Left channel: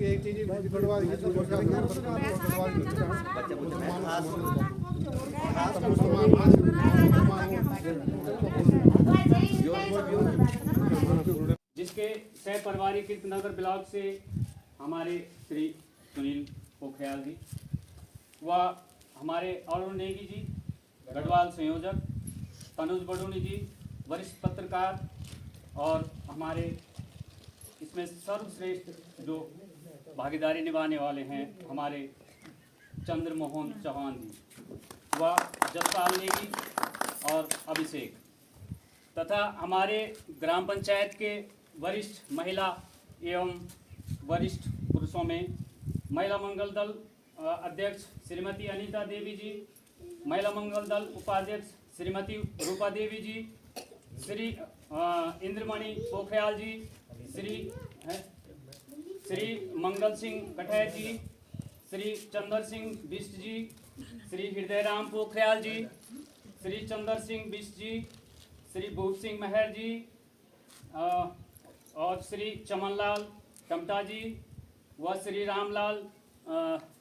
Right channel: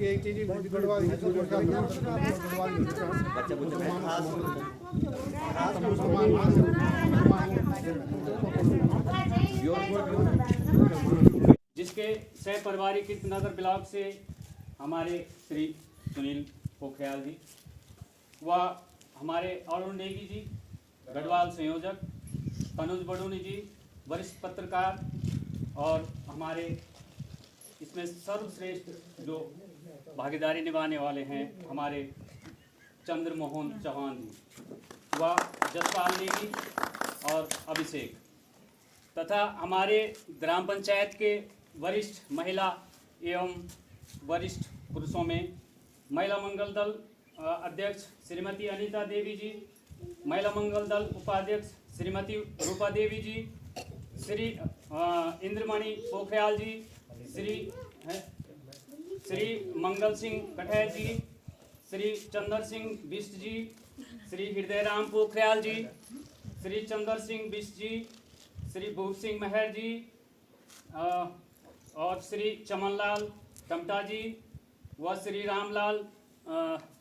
एक चीज जिसके सह परिवारी कीर्तनगर ब्लॉक से हमारे श्री सुनील पोखरियाल जी व हमारे अरुण नेगी जी गढ़वाल संयोजक, तनुज बडोनी जी वरिष्ठ पत्रकार और हमारे इसमें सर्वश्रेष्ठ जो भागीदारी निभाने वाले हैं हमारे चंद्रमोहन चौहान जी व जसपाल नेगी और अभिषेक तथा हमारे ग्राम पंचायत के वरिष्ठ महिला एवं वरिष्ठ पुरुषों में महिला मंगल दल अध्यक्ष श्रीमती अनीता देवी जी, महिला मंगल दल उपाध्यक्ष श्रीमती रूपा देवी जी, श्री इंद्रमणि पोखरियाल जी, श्री मंगल सिंह कठैर जी, श्री चंदर सिंह बिष्ट जी, श्री हृदयराम पोखरियाल जी, श्री चंदर सिंह बिष्ट जी, श्री भूप सिंह महर जी और श्री चमनलाल टमटा जी व श्री रामलाल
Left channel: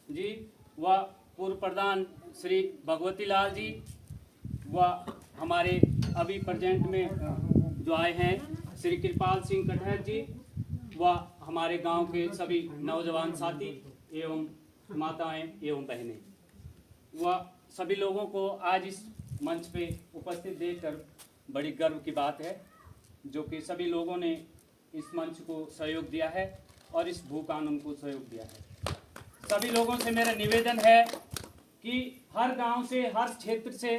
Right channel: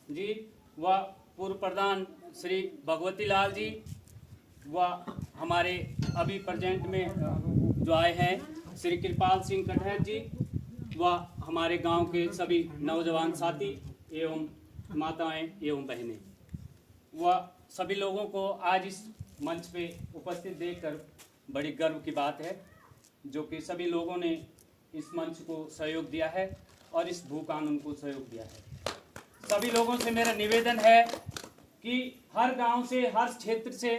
जी व पूर्व प्रधान श्री भगवती लाल जी व हमारे अभी प्रेजेंट में जो आए हैं श्री कृपाल सिंह कठैर जी व हमारे गांव के सभी नौजवान साथी एवं माताएं एवं बहनें व सभी लोगों को आज इस मंच पे उपस्थित देखकर बड़ी गर्व की बात है जो कि सभी लोगों ने इस मंच को सहयोग दिया है और इस भू कानून को सहयोग दिया है। सभी लोगों से मेरा निवेदन है कि हर गांव से, हर क्षेत्र से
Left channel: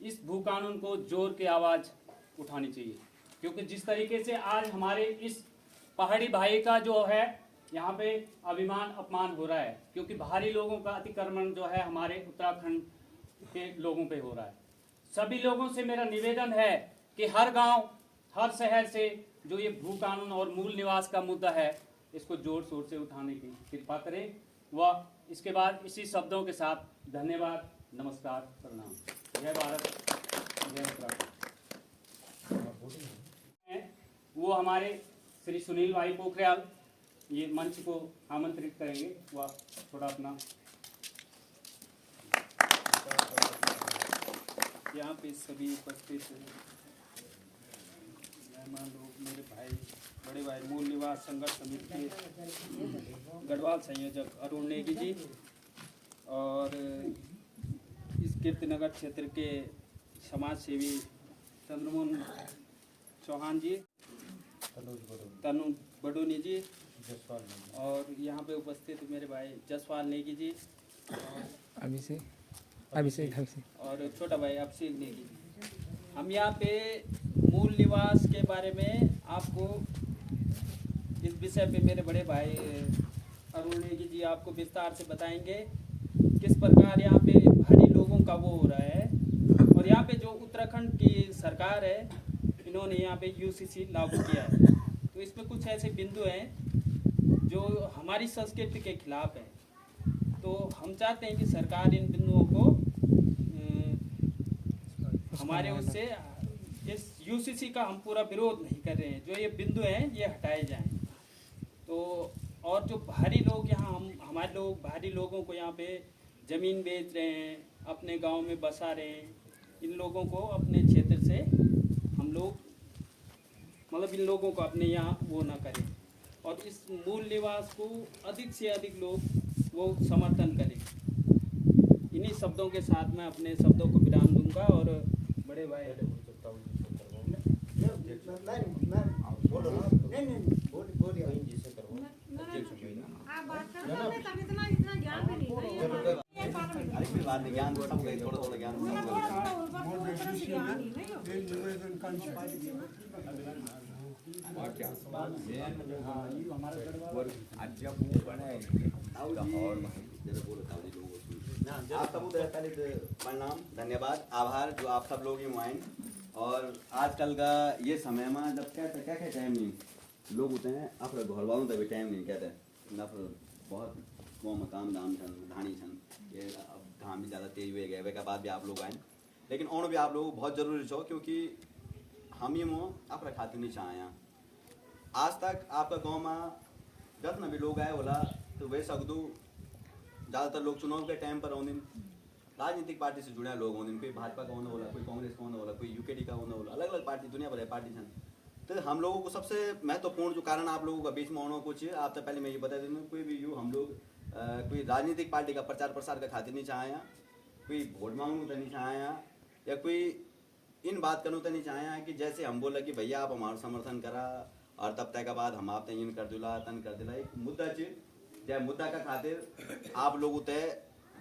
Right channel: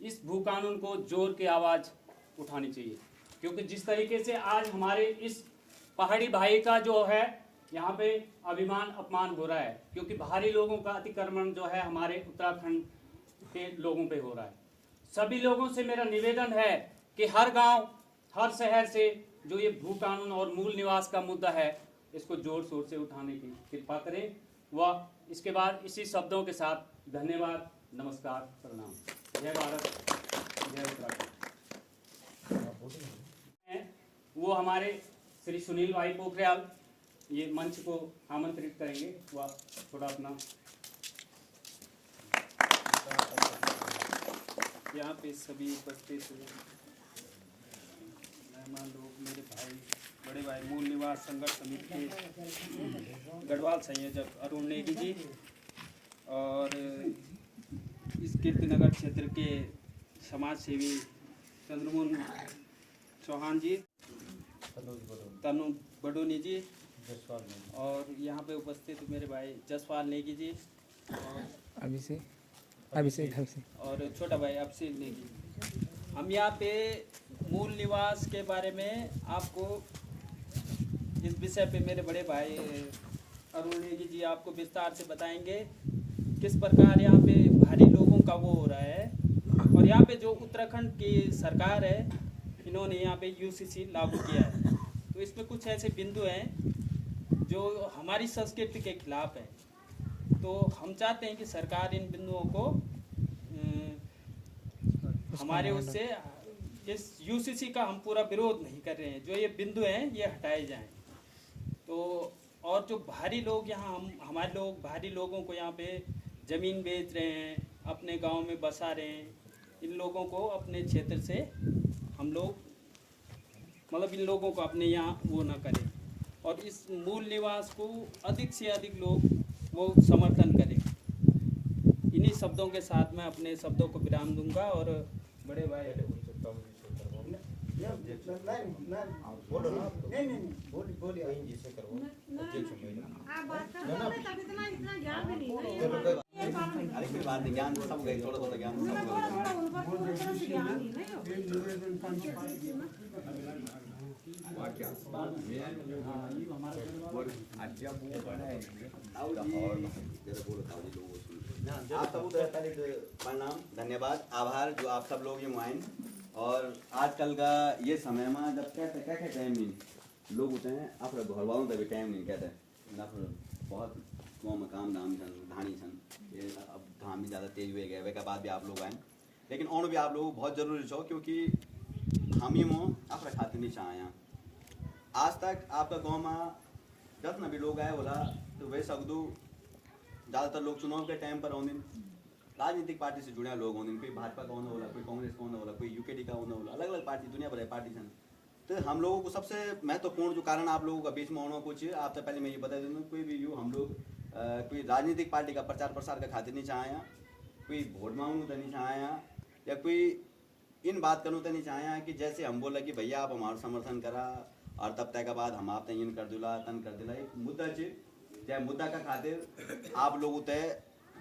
इस भू कानून को जोर की आवाज़ उठानी चाहिए, क्योंकि जिस तरीके से आज हमारे इस पहाड़ी भाई का जो है यहाँ पे अभिमान अपमान हो रहा है, क्योंकि बाहरी लोगों का अतिक्रमण जो है हमारे उत्तराखंड के लोगों पे हो रहा है। सभी लोगों से मेरा निवेदन है कि हर गांव, हर शहर से जो ये भू कानून और मूल निवास का मुद्दा है इसको जोर शोर से उठाने की कृपा करें व इसके बाद इसी शब्दों के साथ धन्यवाद, नमस्कार, प्रणाम। जय भारत, जय उत्तराखंड। वो हमारे श्री सुनील भाई पोखरियाल ये मंच को आमंत्रित करेंगे वह थोड़ा अपना यहाँ पे सभी उपस्थित मेहमान लोग, मेरे भाई, बड़े भाई, मूल निवास संघर्ष समिति के गढ़वाल संयोजक अरुण नेगी जी और इस कीर्तिनगर क्षेत्र के समाज सेवी चंद्रमोहन चौहान जी, तनुज बडोनी जी और यहाँ पे उपस्थित मेरे भाई जसपाल नेगी जी और अभिषेक और छोटा भाई अभिषेक नेगी। हम यहाँ पे मूल निवास के बारे में आपको इस विषय पे मेरे बड़े भाई अरुण नेगी जी आपको विस्तार से बताएंगे किस प्रकार यहाँ पे भारी लोगों का वो हो रहा है। और यहाँ पे जो उत्तराखंड की सरकार है इन्होंने यहाँ पे यूसीसी लागू किया है, तो इसमें कुछ ऐसे बिंदु हैं जो हमारी संस्कृति के खिलाफ है। तो हम चाहते हैं कि सरकार इन बिंदुओं को हमारे उससे इस यूसीसी का हम पूरा विरोध नहीं कर रहे हैं, जो ये बिंदु हैं ये हटाए जाएं। तो और जो भारी लोग यहाँ हमारे लोग भारी लोगों को यहाँ पे ज़मीन बेच रहे हैं, अपने गांव में बसा रहे हैं, इन लोगों को अपने क्षेत्र से हम लोग मतलब इन लोगों को अपने यहाँ वो ना करें और इस मूल निवास को अधिक से अधिक लोग वो समर्थन करें। इन्हीं शब्दों के साथ मैं अपने शब्दों को विराम दूंगा और बड़े भाई ज्ञान सब गए, थोड़ा थोड़ा ज्ञान सब गए। आप सब पहले तो प्रणाम, धन्यवाद, आभार जो आप सब लोग ये आए। और आजकल का ये समय में जब कहते क्या टाइम नहीं लोग होते हैं अपने घर वालों का भी टाइम नहीं कहते बहुत गाँव में काम धाम छन धानी छन ये अब धाम भी ज़्यादा तेज हुए गए वे के बाद भी आप लोग आए, लेकिन और भी आप लोग बहुत ज़रूरी छो क्योंकि हम ही मोह अपने खातिर नहीं चाहें। आज तक आपका गाँव में जब न भी लोग आए बोला तो वे सकदू ज़्यादातर लोग चुनाव के टाइम पर आउंदे राजनीतिक पार्टी से जुड़े लोग होंगे, कोई भाजपा का होना बोला, कोई कांग्रेस का होना बोला, कोई यूकेडी का होना बोला, अलग अलग पार्टी दुनिया भर है पार्टी छन। तो हम लोगों को सबसे महत्वपूर्ण जो कारण आप लोगों का बीच में होना कुछ आप तो पहले मैं ये बता दूँ कोई भी यू हम लोग कोई राजनीतिक पार्टी का प्रचार प्रसार का खातिर नहीं चाहें, कोई वोट मांगू तो नहीं चाहें या कोई इन बात करूँ तो नहीं चाहें कि जैसे हम बोला कि भैया आप हमारा समर्थन करा और तब तक के बाद हम आप इन कर दिला तन कर दिला एक मुद्दा चीज चाहे मुद्दा का खातिर आप लोग तय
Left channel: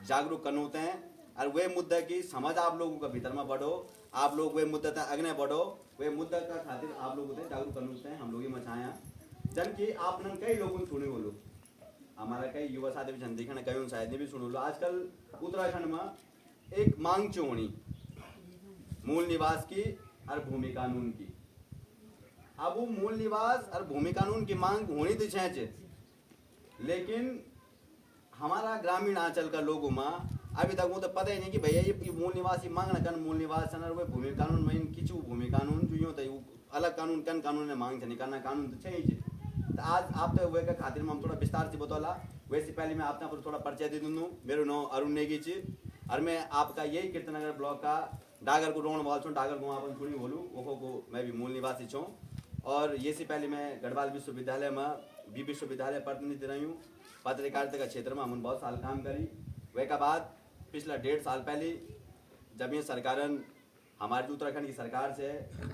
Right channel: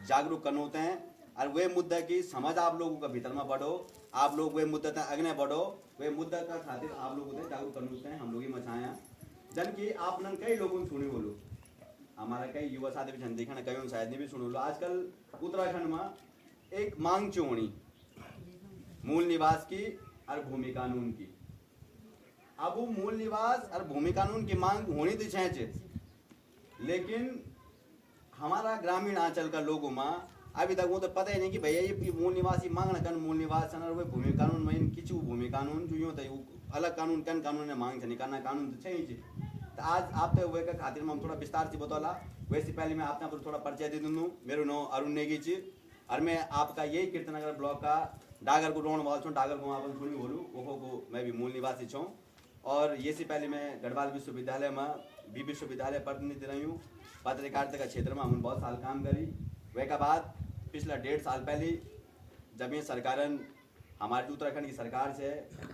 जागरूक करना होते हैं और वे मुद्दा की समझ आप लोगों का भीतर में बढ़ो, आप लोग वे मुद्दा तक अगने बढ़ो, वे मुद्दा का खातिर आप लोग तय जागरूक करना होते हैं। हम लोग ही मचाया जन की आपने कई लोगों ने सुनी बोलो, हमारा कई युवा साथी भी छन देखना कई शायद ने भी सुन लो। आजकल उत्तराखंड में एक मांग चोणी मूल निवास की और भूमि कानून की। अब वो मूल निवास और भूमि कानून की मांग होनी तो चाहिए, लेकिन हमारा ग्रामीण अंचल का लोगों में अभी तक वो तो पता ही नहीं कि भैया ये मूल निवास मांगना कन मूल निवास और वे भूमि कानून में किचू भूमि कानून जो यूँ तो अलग कानून कन कानून ने मांग नहीं करना कानून तो चाहिए। तो आज आप तो वे का खातिर में हम थोड़ा विस्तार से बतौला। वैसे पहले मैं आपका थोड़ा परिचय दे दूँ। मेरा नाम अरुण नेगी जी और मैं आपका यही कीर्तनगर ब्लॉक का डागर को रोण वाल छूँ, डागर को आप सुनी बोलूँ वो को मैं भी मूल निवासी छूँ। और ये से पहले मैं गढ़वाल विश्वविद्यालय में बी विश्वविद्यालय प्रतिनिधि रही हूँ। पत्रकारिता का क्षेत्र में हमने बहुत साल काम करी। वे का बाद पिछला 1.5 साल पहले जब ये सरकारन हमारी उत्तराखंड की सरकार से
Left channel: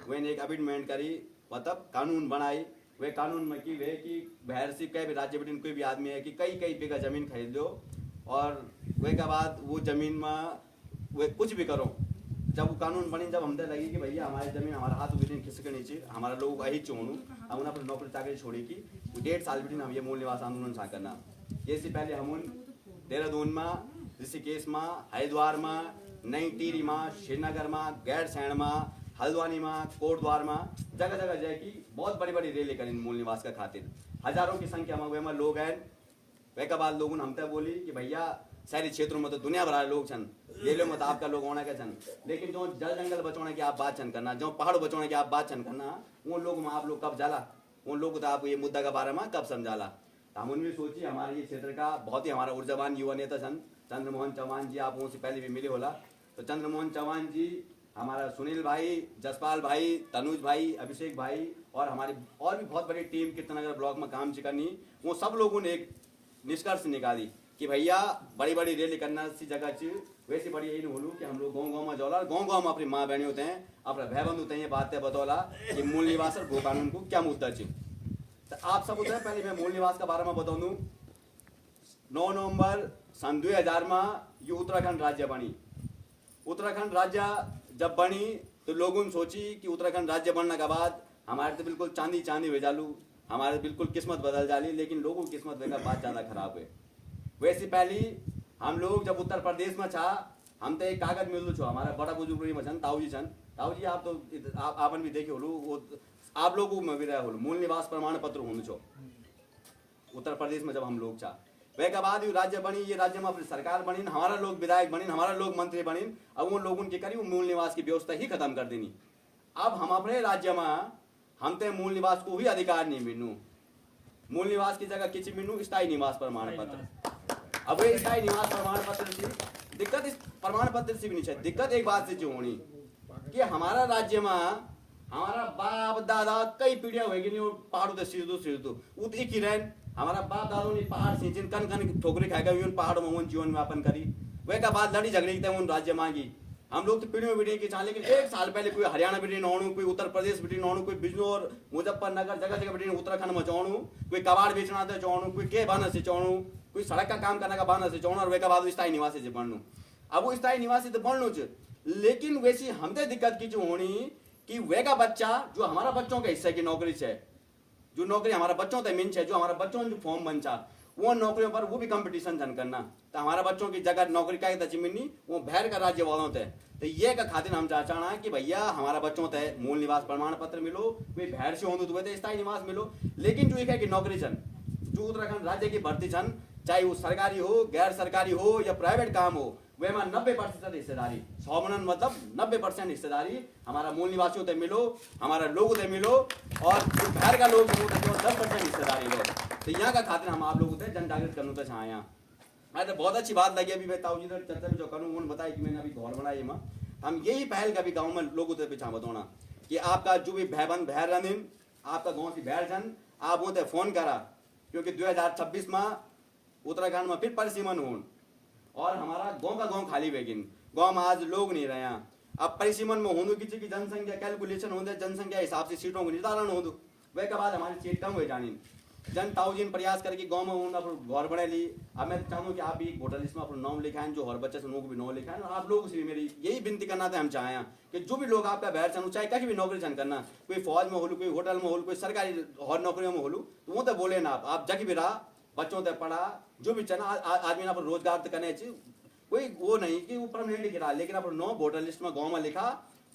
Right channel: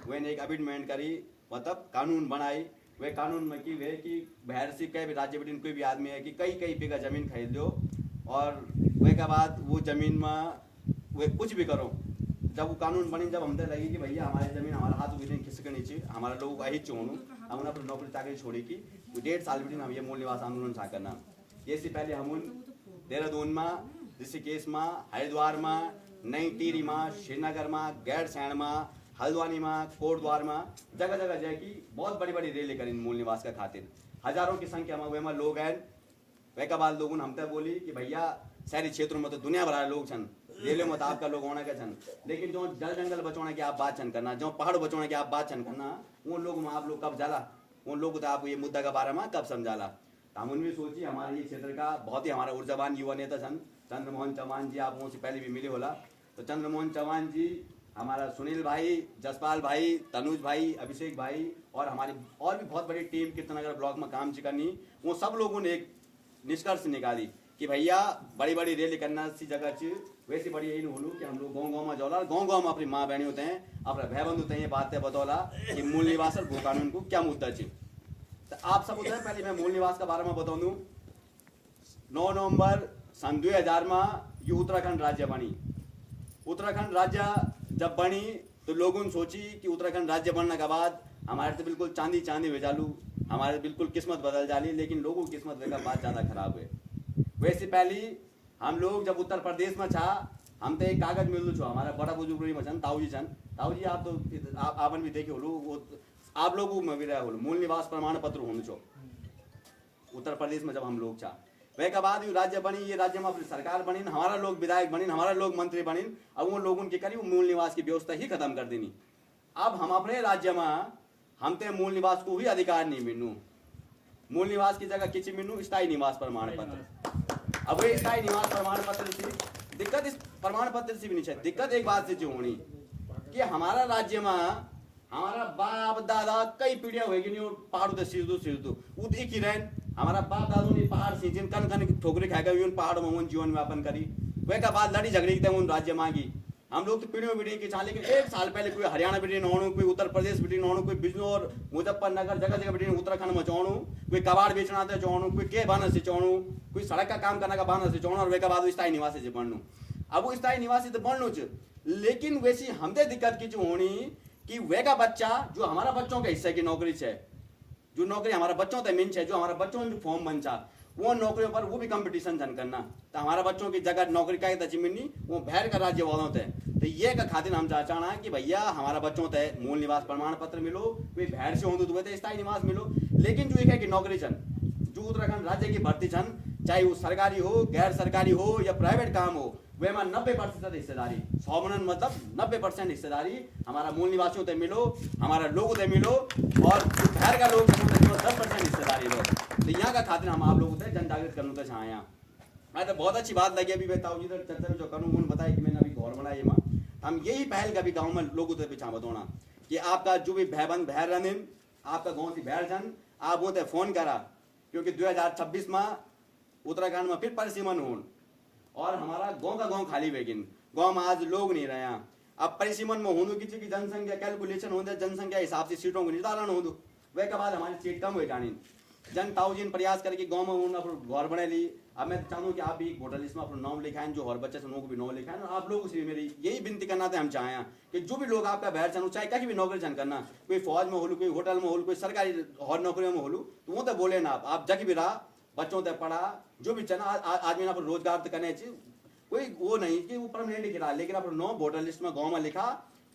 वे ने एक अमेंडमेंट करी मतलब कानून बनाई। वे कानून में की वे कि बाहर से कई भी राज्य बिटिन कोई भी आदमी है कि कई बीघा जमीन खरीद लो और वे के बाद वो जमीन में वे कुछ भी करो। जब वो कानून बने जब हमसे लगी कि भैया हमारी जमीन हमारा हाथ बिटिन खिसके नीचे हमारा लोग अही चोणू हम अपनी नौकरी चाकरी छोड़ी की वो 1.5 साल बिटिन हम ये मूल निवास आंदोलन सा करना। ये से पहले हम देहरादून में, ऋषिकेश में, हरिद्वार में, नई टिहरी में, श्रीनगर में, गैरसैंण में, हल्द्वानी में, कोटद्वार में जगह जगह जाए बहुत बड़ी बड़ी रैली करी मूल निवास का खातिर। हजारों की संख्या में वे में लोग हैं। वे के बाद लोगों ने हमसे बोली कि भैया शहरी क्षेत्रों में तो दुनिया भर लोग छन रेलवे में तो आपका लोग होना के छन, लेकिन जो जल जंगल बचाने की आप बात छन करना, जो पहाड़ बचाने की आप बात छन करना, उन लोगों में आप लोग कब जाला, उन लोग तो आप ये मुद्दा के बारे में कब समझाला। तो हम उनमें सोची हमारे ये क्षेत्र का बहुत ही हमारा ऊर्जावान युवा नेता छन चंद्रमोहन चौहान जी, आप उनसे पहले भी मिले होला। तो चंद्रमोहन चौहान जी, हमारा सुनील भाई, जसपाल भाई, तनुज भाई, अभिषेक भाई और हमारी और भी बहुत बड़ी टीम कीर्तनगर ब्लॉक में काम करनी, वो सब लोगों ने एक निष्कर्ष निकाली कि भैया बड़ी बड़ी रैली करना सी जगह चीज वैसी बड़ी यही बोलूँ कि हम लोग गाँव गाँव में जौला गाँव गाँव में अपनी माँ बहनी होते हैं अपना भाई बंधु होते हैं, ये बातें बतौला कि मूल निवास और भू कानून को क्या मुद्दा चाहिए। तो आप सब होते हैं पहले मैं मूल निवास के बारे में बता दूँ। 9 नवंबर सन 2000 में ये उत्तराखंड राज्य बनी। उत्तराखंड राज्य जब बनी तो लोगों ने सोची कि उत्तराखंड राज्य बनने के बाद हमारे तो बिल्कुल चांदी चांदी हो जालू, हमारे बिल्कुल किस्मत बदल जाली, लेकिन लोगों की किस्मत वे का बात ज़्यादा खराब है। वैसे पहले हम लोग जब उत्तर प्रदेश में था हम तो एक कागज मिलू छो हमारा बड़ा बुजुर्ग में छन ताऊ जी आप तो आपन भी देखे होलू वो आप लोगों में भी रहे होलू मूल निवास प्रमाण पत्र होने छो उत्तर प्रदेश में जब हम लोग था। वे के बाद राज्य बनी, ये राज्य में अपनी सरकार बनी, हमारा लोग विधायक बनी, हमारा लोग मंत्री बनी। अब उन लोगों की करी मूल निवास की व्यवस्था ही खत्म कर देनी। अब हम अपने राज्य में हम ते मूल निवास को भी अधिकार नहीं मिलू, मूल निवास की जगह किसी मिलू स्थायी निवास प्रमाण पत्र। अब ये स्थायी निवास प्रमाण पत्र से दिक्कत इस प्रमाण पत्र से भी नहीं है, दिक्कत एक बात से जो होनी कि हमारा राज्य में हमारा बाप दादा कई पीढ़ियां होगी नहीं पहाड़ों से सीधो वो एक ही रहन हमारा बाप दादों ने पहाड़ सींचे कन कन ठोकरे खाएगा उन पहाड़ों में उन जीवन व्यापन करी। वे का बाद लड़ी झगड़ी उन राज्य मांगी हम लोग तो पीढ़ियों पीढ़ी की चाह, लेकिन 1 साल पहले कोई हरियाणा बिटिन होणु, कोई उत्तर प्रदेश बिटिन होणु, कोई बिजनौर मुजफ्फरनगर जगह जगह बिटिन उत्तराखंड में चौणु, कोई कबाड़ बेचना थे चौणु, कोई के बहाना से चौणु, कोई सड़क का काम करने का बहाना से चौणु और वे का बाद स्थायी निवासी से बनू। अब वो स्थायी निवासी तो बनू च, लेकिन वैसी हमसे दिक्कत की जो होनी कि वे का बच्चा जो हमारा बच्चों के हिस्से की नौकरी है, जो नौकरी हमारा बच्चों तक मिल है, जो हमारा बच्चों की फॉर्म बन चा वो नौकरियों पर वो भी कंपटीशन जन करना तो हमारा बच्चों की जगह नौकरी क्या तची मिलनी वो भैर का राज्य वालों तय तो ये का खातिर हम चाहना कि भैया हमारा बच्चों तय मूल निवास प्रमाण पत्र मिलो कोई भैर से होंगे तो स्थायी निवास मिलो। लेकिन जो है कि नौकरी छन जो उत्तराखंड राज्य की भर्ती छन चाहे वो सरकारी हो गैर सरकारी हो या प्राइवेट काम हो वे में 90% हिस्सेदारी 100 मनन मतलब 90% हिस्सेदारी हमारा मूल निवासियों तक मिलो हमारा लोगों तक मिलो और बाहर का लोग 10% हिस्सेदारी लो। तो यहाँ का खातिर हम आप लोगों से जन जागृत करना तो चाहें। मैं तो बहुत अच्छी बात लगी अभी मैं ताऊ जी तो चर्चा में जो करूँ उन्होंने बताया कि मैंने अभी घर बनाई माँ हम यही पहल कभी गाँव में लोगों से पिछा बताना कि आपका जो भी भैबंद भैर रन आपका गाँव की भैर जन आप वो फोन करा क्योंकि 2026 में उत्तराखंड में फिर परिसीमन हो और हमारा गांव का गांव खाली वेगिन गांव में आज लोग नहीं रहे। अब परिसीमन में होने की जनसंख्या कैलकुलेशन होते जनसंख्या हिसाब से सीटों को निर्धारण हो वे के बाद हमारी सीट कम हो जानी जन ताउजीन प्रयास करके गांव में उन्होंने घर बना ली। अब मैं चाहूँ कि आप भी एक वोटर लिस्ट में अपना नाम लिखाएं जो हर बच्चे से लोगों को भी नाम लिखाएं और आप लोगों से मेरी यही विनती करना था हम चाहें कि जो भी लोग आपका बाहर चाहूँ चाहे कहीं भी नौकरी चन करना कोई फौज में हो कोई होटल में हो कोई सरकारी हर नौकरियों में हो तो वो तो बोले ना आप जग भी रहा बच्चों तक पढ़ा जो भी चना आदमी ना रोजगार तो करने चाहिए कोई वो नहीं कि वो परमानेंट लिख रहा लेकिन अपना नाम वोटर लिस्ट में गाँव में लिखा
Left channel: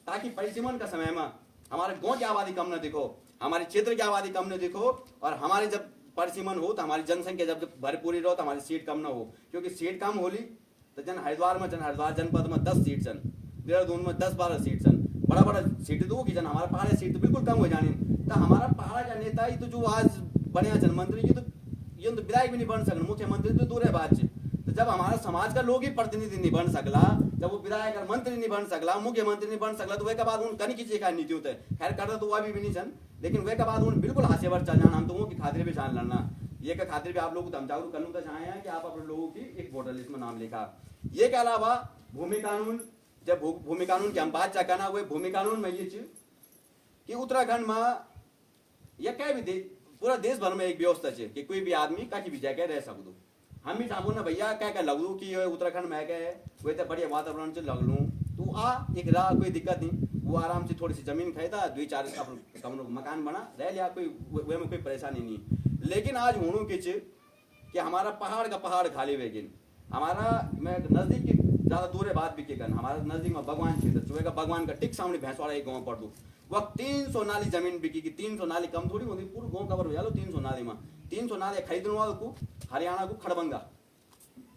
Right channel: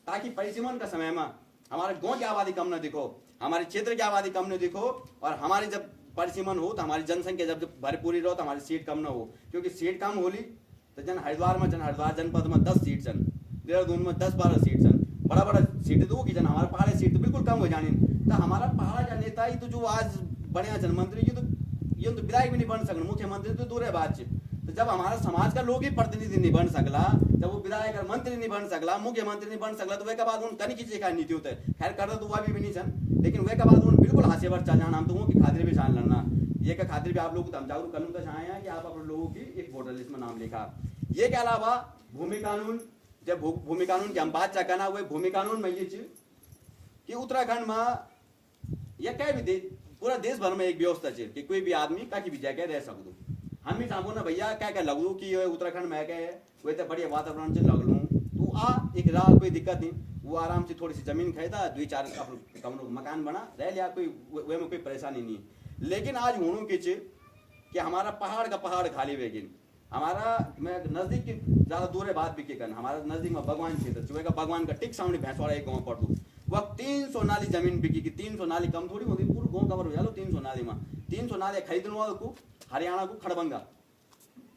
ताकि परिसीमन का समय में हमारे गाँव की आबादी कम न दिखो हमारे क्षेत्र की आबादी कम न दिखो और हमारी जब परिसीमन हो तो हमारी जनसंख्या जब भरपूरी रहो तो हमारी सीट कम ना हो क्योंकि सीट कम होली तो जन हरिद्वार जनपद में 10 सीट सन देहरादून में 10-12 सीट सन बड़ा बड़ा सीट तो होगी जन हमारा पहाड़ी सीट तो बिल्कुल कम हो जानी तो हमारा पहाड़ का नेता ही तो जो आज बढ़िया जन मंत्री ये तो विधायक भी नहीं बन सकना मुख्यमंत्री तो दूर है बात से तो जब हमारा समाज का लोग ही प्रतिनिधि नहीं बन सकला जब वो विधायक और मंत्री नहीं बन सकला मुख्यमंत्री नहीं बन सकला तो वे के बाद उन कनी की नीति होता है खैर करना तो वह भी नहीं सन लेकिन वे के बाद उन बिल्कुल हाशिए पर चल जाना हम तो वो की खातिर भी जान लड़ना ये का खातिर भी आप लोग को हम जागरूक करना तो चाहे कि आप अपने लोगों की एक वोटर लिस्ट में नाम लिखा। ये के अलावा भूमि कानून जब भूमि कानून की हम बात चाह करना हुए भूमि कानून में ये चीज कि उत्तराखंड में या क्या भी पूरा देश भर में एक व्यवस्था है कि कोई भी आदमी कहीं भी जगह रह सकते हम भी चाहूँ ना भैया क्या क्या लगू कि उत्तराखंड में क्या है वे तो बढ़िया वातावरण से लग लूँ तो आ एक राह कोई दिक्कत नहीं वो आराम से थोड़ी सी जमीन खरीदा 2-4 कमरों मकान बना रह लिया कोई वे में कोई परेशानी नहीं। लेकिन आज होनू किच कि हमारा पहाड़ का पहाड़ खाली वेगिन हमारा मैं नजदीक की ज्यादा दूर है बात भी के करना हमारे नजदीक में भगवान क्षेत्र चुहे का भगवान का टिक सामने भैंसवाड़ा एक गाँव पड़ दू वह 300 नाली जमीन बिकी की 300 नाली कम थोड़ी होती पूरा गाँव कवर हो जालो 300 नाली में 300 नाली खरीदने वालों को हरियाणा को खड़बंगा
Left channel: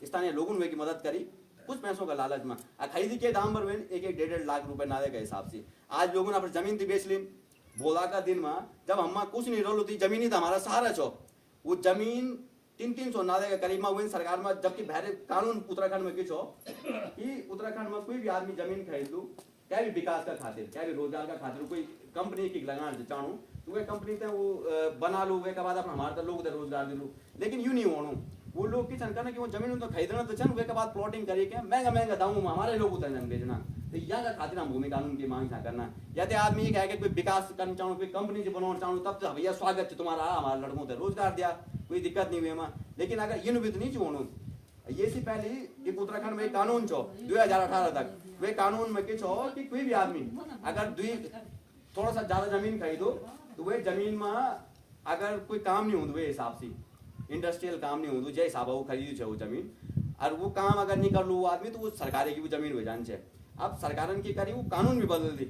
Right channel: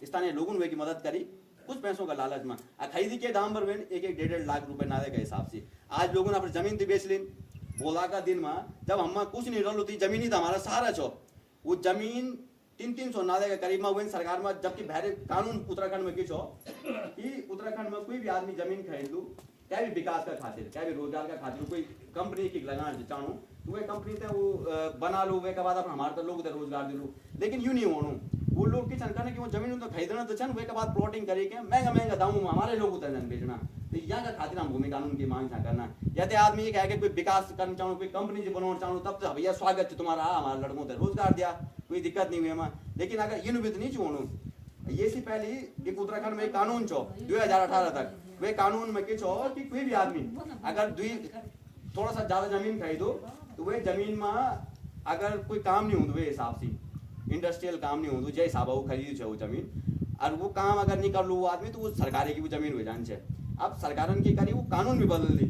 स्थानीय लोगों ने की मदद करी कुछ पैसों का लालच में खरीदी के दाम पर 1-1.5 लाख रुपए नाले के हिसाब से आज लोगों ने अपनी जमीन तो बेच ली बोला का दिन में जब हम कुछ नहीं रहो थी जमीन ही तो हमारा सहारा छो वो जमीन 300 नाले के करीब में हुए सरकार में जबकि भैरे कानून उत्तराखंड में किस हो कि उत्तराखंड में कोई भी आदमी जमीन खरीद लू क्या भी विकास का खातिर क्या भी रोजगार का खातिर कोई कंपनी की लगाना चाहूँ तो वे कंपनी थे वो बना लो वे के बाद अपना हमारे लोग रोजगार दिलू लेकिन यूं नहीं होनू वो लोग की चंका कि वो जमीन तो खरीदना तो चन वे के बाद प्लॉटिंग करिए क्या महंगा दामों में हमारे लोग उतर बेचना तो यहाँ का खातिर हम भूमि कानून की मांग करना यदि आदमी कह के कोई विकास करना चाहूँ कोई कंपनी से बनाना चाहूँ तब तो भैया स्वागत है तुम्हारा हमारे लड़कों को रोजगार दिया कोई दिक्कत नहीं हुई लेकिन अगर इन भी नहीं छोड़ू ये से पहले एक उत्तराखंड में कानून छो 2018 तक वे कानून में किस हो कि कोई भी आदमी अगर थोड़ा सा ज्यादा जमीन खरीदो तो वे जमीन में अगर कोई काम नहीं हो हिसाब से इंडस्ट्रियल काम नहीं हो जय हिसाब वो खरीद वो जमीन और वो काम अगर नहीं कर लो वो आदमी तो वो सरकार की वो जमीन हो जानी चाहिए। अब सरकार की करी वो कानून भी बदल दी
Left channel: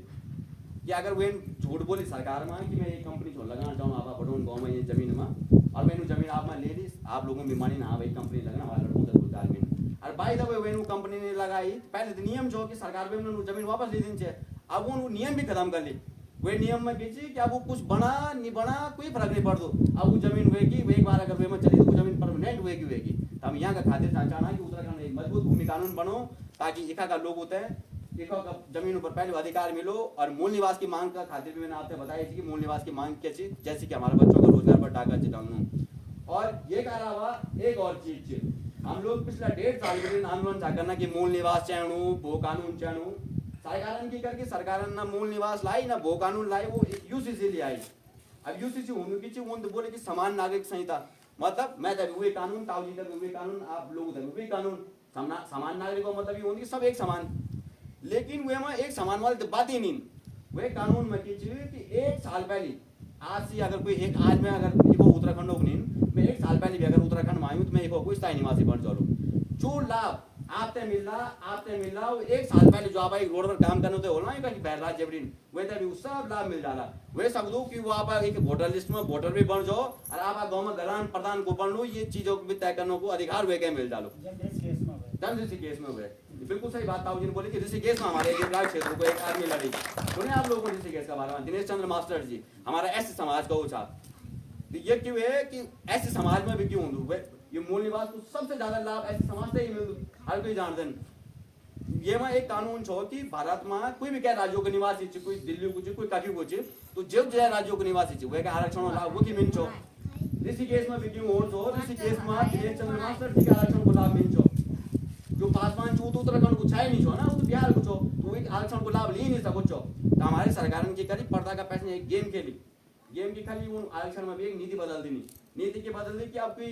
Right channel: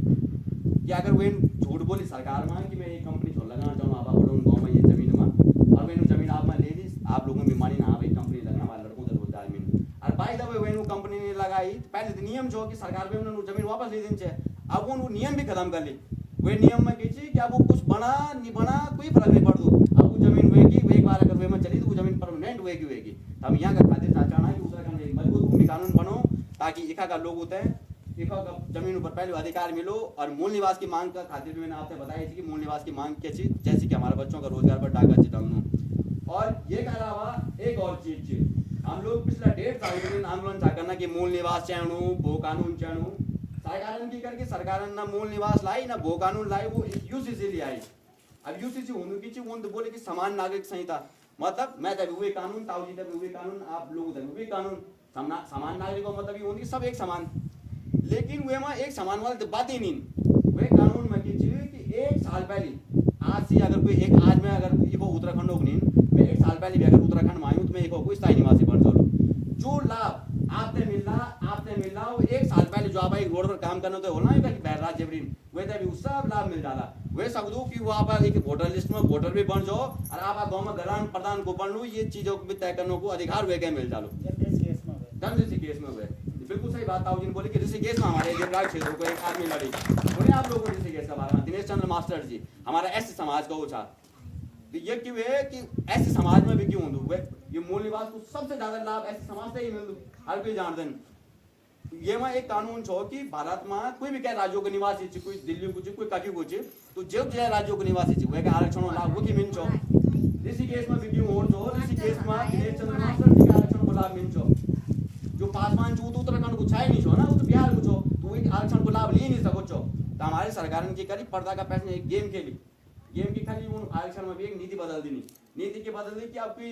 कि अगर वे झूठ बोली सरकार में कि मैं ये कंपनी छोड़ लगाना चाहूँ आप बढ़ो गाँव में ये जमीन में और मैंने जमीन आप में ले ली आप लोगों ने भी मानी ना भाई कंपनी लगना हमारे लड़कों से रोजगार में और बाई दबे वे कंपनी ने लगाई पहले तो नियम जो कि सरकार पे जमीन वापस ले देनी चाहिए अब वो नियम भी खत्म कर ली वे नियम में कीजिए कि अब वो कुछ बना नहीं बना कोई फर्क नहीं पड़ दो अब वो जमीन वेगी वे एक बार अगर वे में चली तो वो जमीन परमानेंट वेगी हम यहाँ का खातिर चाहना है कि उत्तराखंड एक मजबूत भूमि कानून बनो ताकि इका का लोग होते हैं इका का जमीन पर पहले अधिकार मिलो और मूल निवास की मांग का खातिर भी मैंने आपसे बताई थी कि मूल निवास की मांग क्या चीज जैसे कि हमारे बच्चों का रोजगार पर डाका चिताऊँ और ये के अलावा एक और चीज हम लोग पिछला 1.5 साल के आंदोलन था करना कि मूल निवास चाहू भू कानून चाहू सरकार की करके सरकार ना मूल निवास लाई ना भू कानून लाई वो यूसीसी ले आई। अब यूसीसी होने की चीज तो बोले कि समान नागरिक संहिता मतलब मैं तभी हुए कानून ताऊजी तभी हुए कानून आप लोग तभी हुए कानून समान नागरिकों मतलब ये होगी सब एक समान लेकिन वे में एक समान वाले तो बात ही नहीं वे कानून में की चीज कि 1 साल पहले आज से अगर कोई एक आज में अगर वो उत्तराखंड हो नहीं मैं 1 साल पहले भी अगर उत्तराखंड में आयु तो मैं एक कोई स्थायी निवासी बन जाऊँ। जो लाभ आपने मिल रहा वो 1 साल पहले जो आप एक रोड पर काम करने होते हो ना कि बहर राज्य वैसे भी सब लाभ मिल जाला। वे सब दो कि वो आप एक वोटर लिस्ट में वोटर भी बन जाओ और आप गाँव में गलान प्रधान को बन लो, ये चीजों को भी तय करने को अधिकार वे के मिल डालो। ऋषिकेश में हुए बिल्कुल सही बात ताऊ जी ने बोली कि ऋषिकेश में हमारे देवराज क्षेत्र को एक आदमी लड़ी। उन्हें आप लोगों को ऋषिकेश का बारे में दिनेश चंद्र मास्टर जी हमारा एस समाज का वो था। ये क्यों है कि ऐसे समाज में भी क्यों हुए ये मूल निवास को सबसे ज्यादा लाभ ऐसे समाज से ही मिल हर कोई जान दें। ये में एक कानून छो कि भारत में कोई भी क्या राज्यों के निवासी छी, कोई दिल्ली को छी, कोई काकी को छी, तो जो राज्यों के निवासी छी वे के आरक्षण लाभ वो की मिल छो। ऋषिकेश में भी क्यों हो छो, ऋषिकेश में दिनेश चंद्र मास्टर जी के आरक्षण को लाभ मिल छो। जो पासवान छो तो उत्तराखंड को छाई नहीं छो ना, वो तो बिहार को छो, तो एक आरक्षण को लाभ ले नहीं सको छो। तो हमारी सरकार ने करी पर्दा का पैसे एक गेम खेली, गेम की खाली वो आरक्षण में भी एक नीति बदल दी। नीति की बदल दी कि आपकी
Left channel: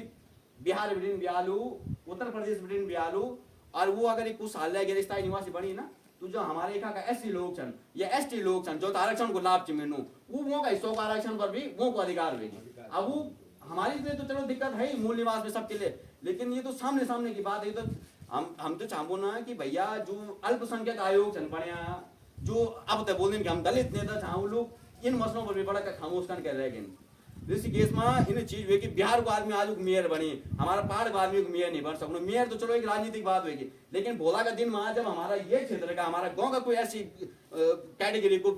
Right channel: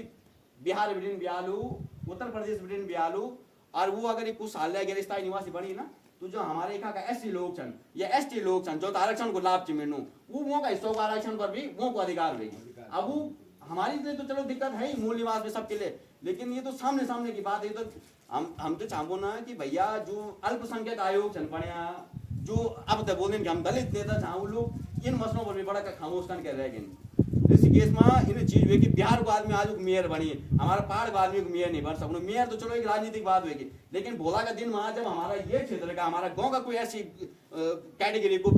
बिहार बिटिन बियालू, उत्तर प्रदेश बिटिन बियालू, और वो अगर कुछ साल गैर स्थायी निवासी बनी ना तो जो हमारे यहाँ का एससी लोग छन या एसटी लोग छन जो आरक्षण को लाभ मिलू वो का हिस्सों का आरक्षण पर भी वो को अधिकार देगी। अब वो हमारे लिए तो चलो दिक्कत है ही मूल निवास में सबके लिए, लेकिन ये तो सामने सामने की बात है। तो हम तो चाहो ना कि भैया जो अल्पसंख्यक आयोग छन बढ़िया जो अब तक बोल कि हम दलित नेता चाहो लोग इन मसलों पर भी बड़ा खामोश कर रह गए। ऋषिकेश में इन चीज हुई कि बिहार को आदमी आज मेयर बनी, हमारा पहाड़ को आदमी मेयर नहीं बन सकते। मेयर तो चलो एक राजनीतिक बात होगी, लेकिन भोला का दिन में जब हमारा ये क्षेत्र का हमारा गांव का कोई ऐसी कैटेगरी को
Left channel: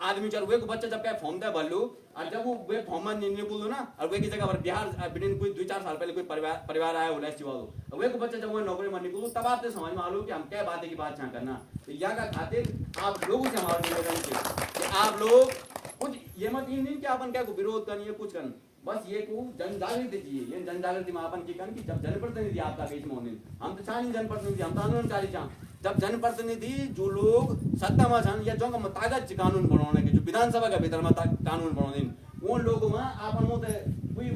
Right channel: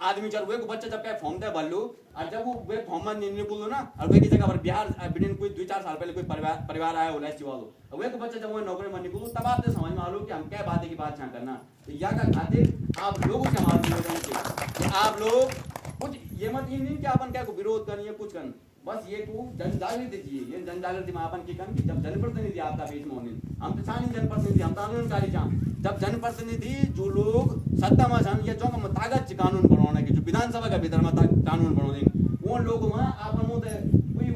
आदमी चल वे को बच्चा जब क्या फॉर्म दे भर लो और जब वो वे फॉर्म में निकलो ना और वे की जगह पर बिहार बिन कोई 2-4 साल पहले कोई परिवार आया हो ऐसी वालों वे को बच्चा जब वो नौकरी में निकलो तब आपने समझ में आ लो कि हम क्या बात है की बात यहाँ करना। तो या का खातिर आप लोगों से हमारे निवेदन की आप लोग कुछ ये मत इन कि अपन क्या को विरोध करनी है कुछ करनी, बस ये को जन जागृति चाहिए। ये जन जागृति में अपन की करनी कि जब जनप्रतिनिधि आपका बीच में होने हम तो चाहे जनप्रतिनिधि हम तो आंदोलनकारी चाह जब जनप्रतिनिधि जो लोग सत्ता में छन या जो ताकत कानून बनाने की जो विधानसभा का भीतर में कानून बनाने वो लोग में आपन कोई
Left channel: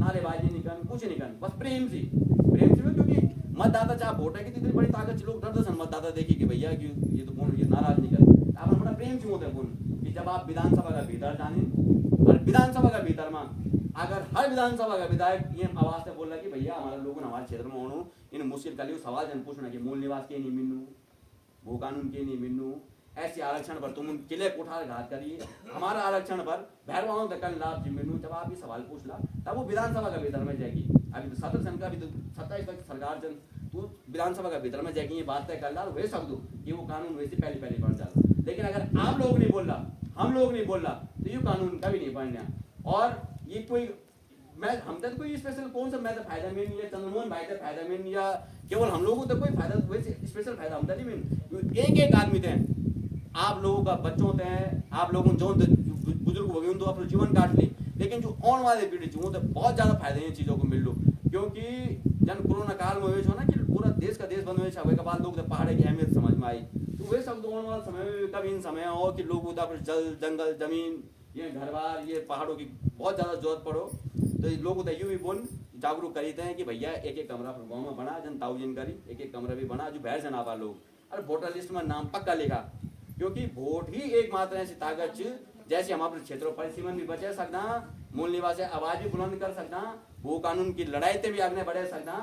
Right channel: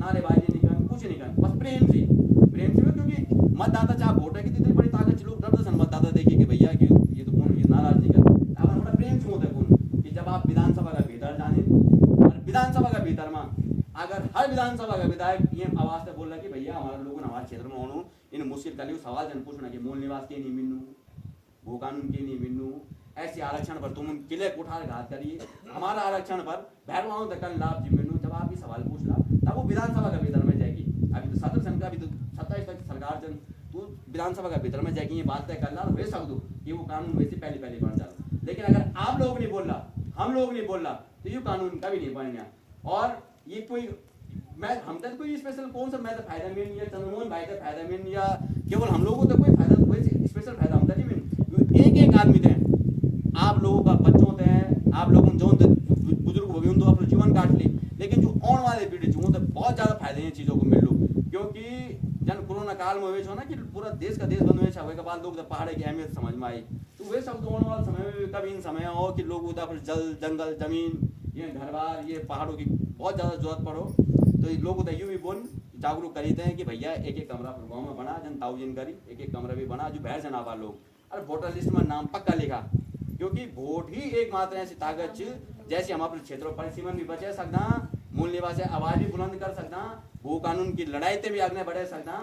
नारेबाजी नहीं कर कुछ नहीं कर बस प्रेम से क्योंकि मतदाता चाहे वोट है कितनी बड़ी ताकत लोग डरते सन मतदाता देखिए कि भैया कि ये तो कौन ये नाराज नहीं कर आपन बड़ा प्रेम से होते कौन कि जब आप विधानसभा का भीतर जाने और विधानसभा का भीतर में अगर हर विधानसभा का विधायक ये आवाज से बोल रहा कि भैया हमारे लोगों हमारे क्षेत्र में होनो इन मुश्किल का सवाल जन पूछना कि मूल निवास के नहीं मिलू वो कानून के नहीं मिलू ऐसे आरक्षण पर तुम किले कुठार घात करिए हमारा आरक्षण पर भैरवाओं तक लाभ जी मिलू जब आप ये सवाल पूछना तब वो विधानसभा का भीतर में जाएगी। अभी तो 7 संख्या अभी तो 27 तक सरकार जन तू विधानसभा का भीतर में जाएगी ये बात तय कर ला वे सब दो कि वो कानून वैसे पहले बन जाता। लेकिन अगर आप लोग नहीं बोल रहा हम लोग नहीं बोल रहा तो ये कानून कभी नहीं बनना। और ये कोई मैं हम तक कोई स्पेशल कौन सा मैं तो फायदा मिल नहीं चंद्रमोहन भाई का फायदा मिल या केवल हम लोगों को तो कोई फायदा कोई स्पेशल फायदा हम नहीं मिल एक आदमी थे आप लोगों का बच्चों थे आप लोगों जो बुजुर्ग हो गए तो अपना जीवन काट ली, लेकिन जो आने वाले पीढ़ी वो तो बहुत ज्यादा फायदे इन चीजों को मिल लो क्योंकि जन कोरोना काल में हुए ना कि पूरा देश का देश बंद हुए के बाद लोग तो पहाड़ की अहमियत समझ में आई तो वे सब आने वाले समय में कभी इन समय हो कि लोग उधर जल जंगल जमीन ये घर बार ये पहाड़ों की बहुत ज्यादा जरूरत पड़ो तो लोग उधर यूं भी बोल जागरूक करते हैं कि भैया एक कमरा गाँव में बना जन ताउजिन करी एक कमरा भी बना जो बाहर से ना पा लोग और वोटर लिस्ट में नाम पक्का लिखा क्योंकि वोट ही एकमात्र ऐसी ताकत जैसे हम अपने क्षेत्रों परिसीमन भी बचा सकना मूल निवासी आवाज भी बुलंद कर सकना वो कानून की लड़ाई से भी आगे बढ़ा सकना।